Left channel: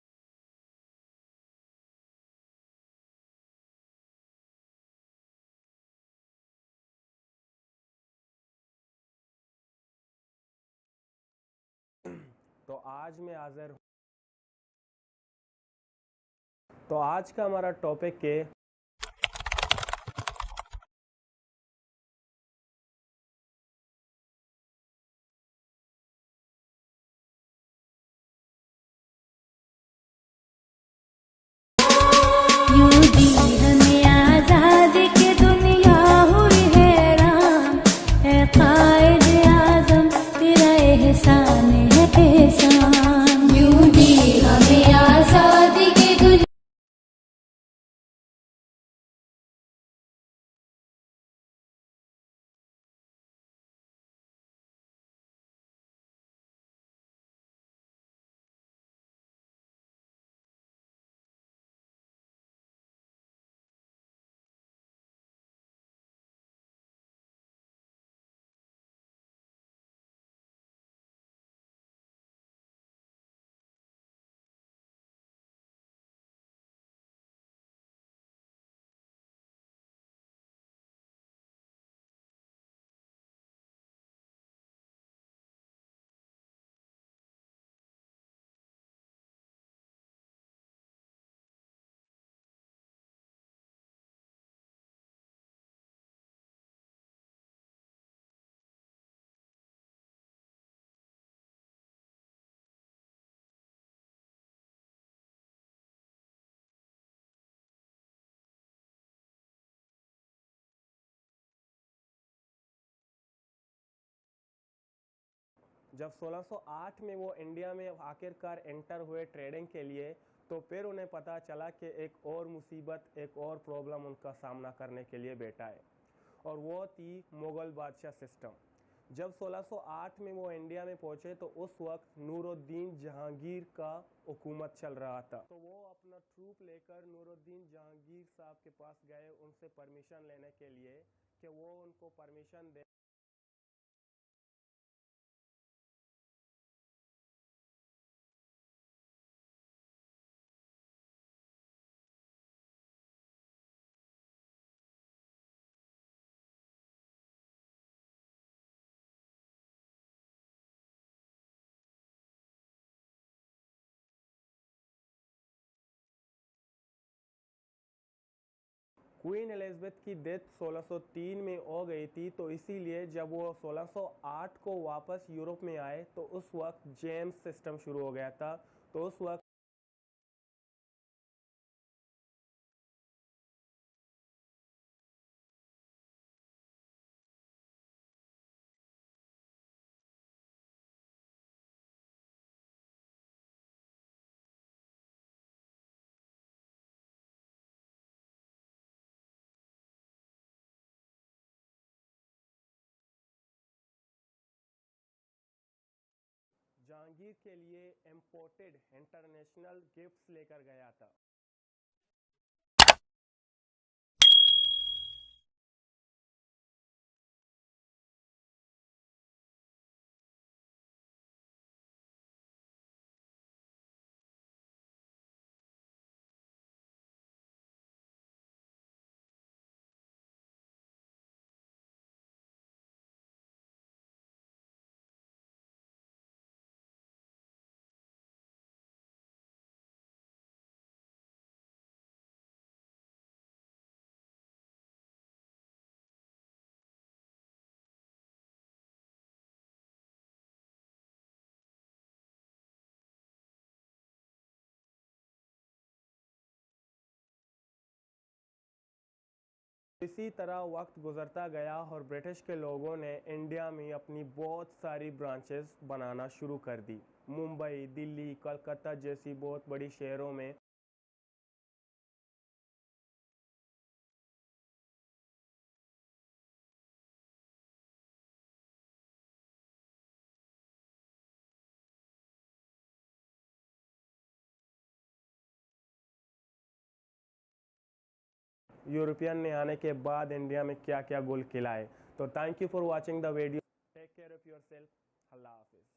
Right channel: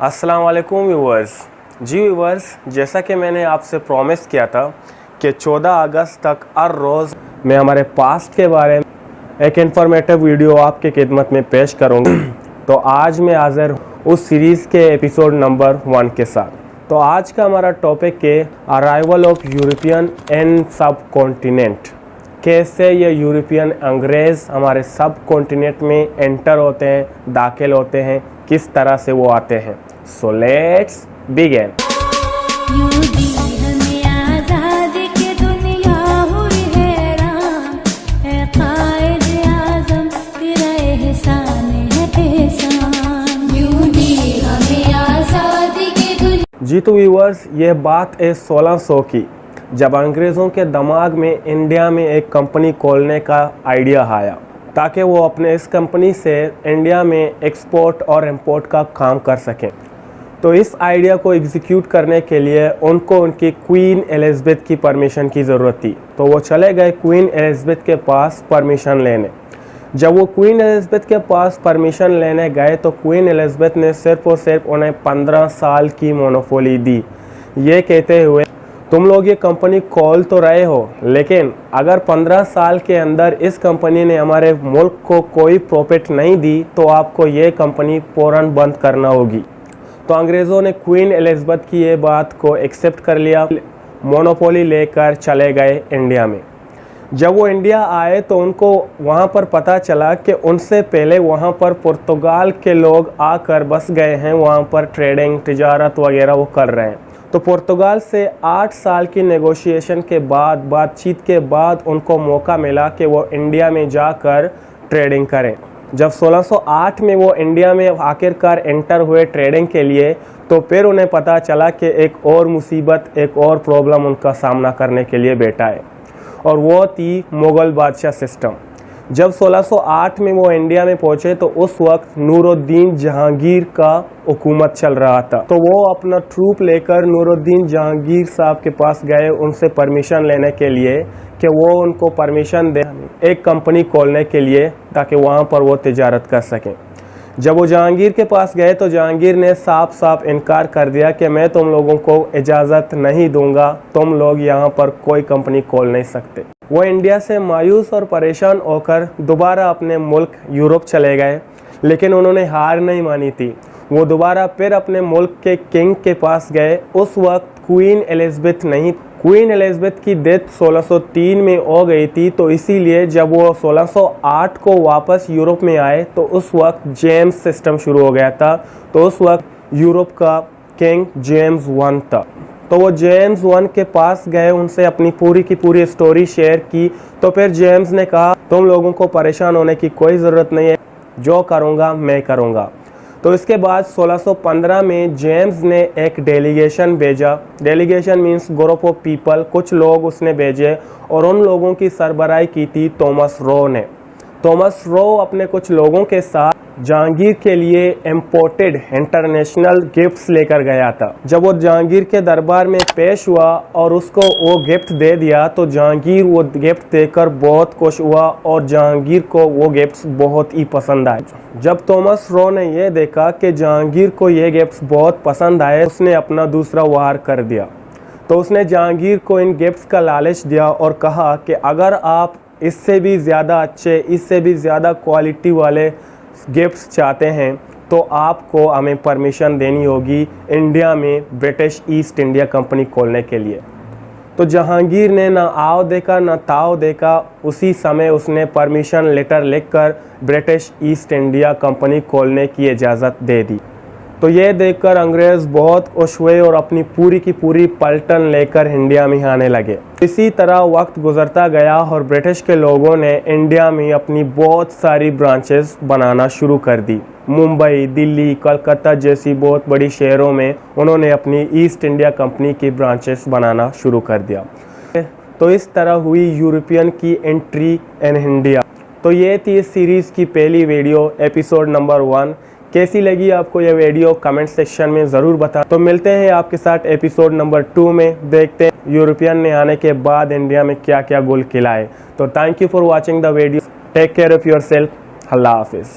अस्सलाम वालेकुम व्यूवर्स। जी व्यूवर्स, जैसा कि मैंने आपसे प्रॉमिस किया था कि 14 अगस्त तक हर रोज़ मैं हमारे पास्ट के बारे में एक इन्फॉर्मेटिव वीडियो आपके खिदमत में पेश करूँगा। तो आज मैं हाज़िर उस सीरीज़ के एपिसोड नंबर 1 के साथ। तो आज का हमारा टॉपिक है अराइवल ऑफ यूरोपियन इन सब कॉन्टिनेंट। कैसे ये यूरोपियन अंग्रेज़ हमारे सब कॉन्टिनेंट में एंटर होते हैं, दाखिल होते हैं, किस तरह से वो आते हैं। So let's begin. जी तो व्यूअर्स, ये बात है 1600 की, जब अंग्रेज़ों के दिमाग में इंडिया में एक कंपनी खोलने का आइडिया आया ताकि वो अपने इस कंपनी से इंडिया में एक्सपोर्ट और इंपोर्ट का काम कर सकें। तो इस आइडिया को एग्जीक्यूट करने के लिए उनको उनकी क्वीन एलिज़ाबेथ की परमिशन की ज़रूरत थी। तो वो चले गए क्वीन एलिज़ाबेथ के पास परमिशन लेने। जब वो क्वीन एलिज़ाबेथ के पास परमिशन लेने गए तो क्वीन एलिज़ाबेथ ने सिर्फ और सिर्फ उन्हें 15 साल की मोनोपोली दी, ये कहते हुए तुम लोग ये कंपनी खोल तो रहे हो, लेकिन अगर 15 साल के अंदर इस कंपनी ने हमारे मुल्क को कोई प्रॉफिट नहीं दी तो आपको ये कंपनी फ़ौरन बंद करना होगी। तो अंग्रेज़ों ने क्वीन एलिज़ाबेथ की ये बात को एक्सेप्ट कर लिया, मोनोपोली लेकर चले गए इंडिया में। जब वो इंडिया आए तो उनको वहाँ पर पता चला कि उनसे पहले वहाँ पर पुर्तगाल के लोग आकर बस गए हैं, वहाँ पर ट्रेडिंग, तिजारत वगैरह वो कर रहे हैं। तो पुर्तगाल से 8 साल की नेगोशिएशन के बाद, बातचीत के बाद उनको मौका मिला कि वो इंडिया में जाकर ट्रेडिंग करें। जब 1608 में वो इंडिया में आखिरकार एंटर हुए ट्रेडिंग के लिए, तो फिर उन्हें पता चला कि एक और मुसीबत, एक और प्रॉब्लम उनका सामना करने के लिए बैठा है, और वो थी मुग़ल बादशाह सिस्टम। जब 1608 में वो इंडिया में पहुंचे तो उस वक्त नूरुद्दीन जहांगीर का हुकूमत चल रहा था। तो वो अपना ट्रूप लेकर नूरुद्दीन जहांगीर साहब के पास गए उनसे परमिशन लेने के लिए कि वो उनको परमिशन दे एक कंपनी खोलने के लिए ताकि वहाँ पर वो तिजारत कर सकें। जब वो जहांगीर के पास गए तो जहांगीर ने साफ साफ इनकार कर दिया कि मैं तुम लोगों को इजाज़त नहीं दूंगा, तुम लोग यहाँ पर कोई कंपनी खोल नहीं सकते। वो इंडिया से मायूस और परेशान होकर दोबारा अपने मुल्क यूरोप चले गए, लेकिन उन्होंने हार नहीं मानी थी। वो दोबारा फिर अपने मुल्क के किंग के पास गए। उस वक्त क्वीन एलिज़ाबेथ नहीं, क्वीन एलिज़ाबेथ की डेथ 1603 में हो गई थी। तो इसीलिए जब वो 1608 को वापस यूरोप में आए तो उस वक्त जेम्स सिस्टम शुरू हो गया था। तो उस वक्त यूरोप का किंग जेम्स 1 था। तो वो जेम्स 1 के पास गए, उनसे अपनी पूरी की पूरी स्टोरी शेयर की। तो फिर जेम्स ने कहा तुम लोगों को परेशान होने की कोई ज़रूरत नहीं है, जो करूँगा मैं करूँगा। तो इसके बाद 1615 में जेम्स ने एक डेलीगेशन भेजा। Delegation means group of people, कुछ लोग उसने भेजे, और उन लोगों की सरबराही की थी थॉमस रो ने। थॉमस रो अपने कुछ लोगों के साथ जहांगीर के लिए इम्पोर्टेड इंटरनेशनल गिफ्ट्स लेकर गया था। जब वो जहांगीर के दरबार में पेश हुआ और उसको वो गिफ्ट दे दिया तो जहांगीर वो गिफ्ट देकर बहुत खुश हुआ और जहांगीर को वो गिफ्ट्स बहुत ही पसंद आए। जब थॉमस रो ने ये देखा कि जहांगीर को ये गिफ्ट्स बहुत पसंद आए, उसने अपना दूसरा वार कर दिया। तो उसने जहांगीर को इन गिफ्ट्स का लालच दिया और कहा कि अगर आप इससे भी ज़्यादा अच्छे, इससे भी ज़्यादा क्वालिटी वाले गिफ्ट्स चाहते हैं तो आपको हमें परमिशन देनी होगी इंडिया में ब्रिटिश ईस्ट इंडिया कंपनी खोलने के लिए। तो जहांगीर ने ना आओ देखा ना ताओ देखा, उसी समय उसने परमिशन लेटर लिखकर ब्रिटिश ईस्ट इंडिया कंपनी खोलने की इजाज़त दे दी। तो ये देखकर अंग्रेज़ बहुत खुश हुए और अपनी पूरी की पूरी पलटन लेकर इंडिया में आने लगे। इसी तरह वक्त गुजरता गया और ब्रिटिश के लोगों ने इंडिया में अपनी बहुत सारी ब्रांचेस बनाना शुरू कर दी। मुंबई, दिल्ली, कलकत्ता जैसी बहुत बड़ी शहरों में उन्होंने अपनी ईस्ट इंडिया कंपनी की ब्रांचेस बनाना शुरू कर दिया। तो इस तरह हुई यूरोपियन की एंट्री इन इंडिया। तो ये थी इस सीरीज़ की पहली वीडियो, एपिसोड नंबर 1। कैसी लगी आपको ये वीडियो कमेंट सेक्शन में ज़रूर बताएं। तो मिलते हैं आपके साथ एपिसोड नंबर 2 में, देखते हैं यूरोपियन ने आने के बाद इंडिया में क्या क्या गुल खिलाए। तो thank you for watching the video, take care of your self, अल्लाह हाफिज़।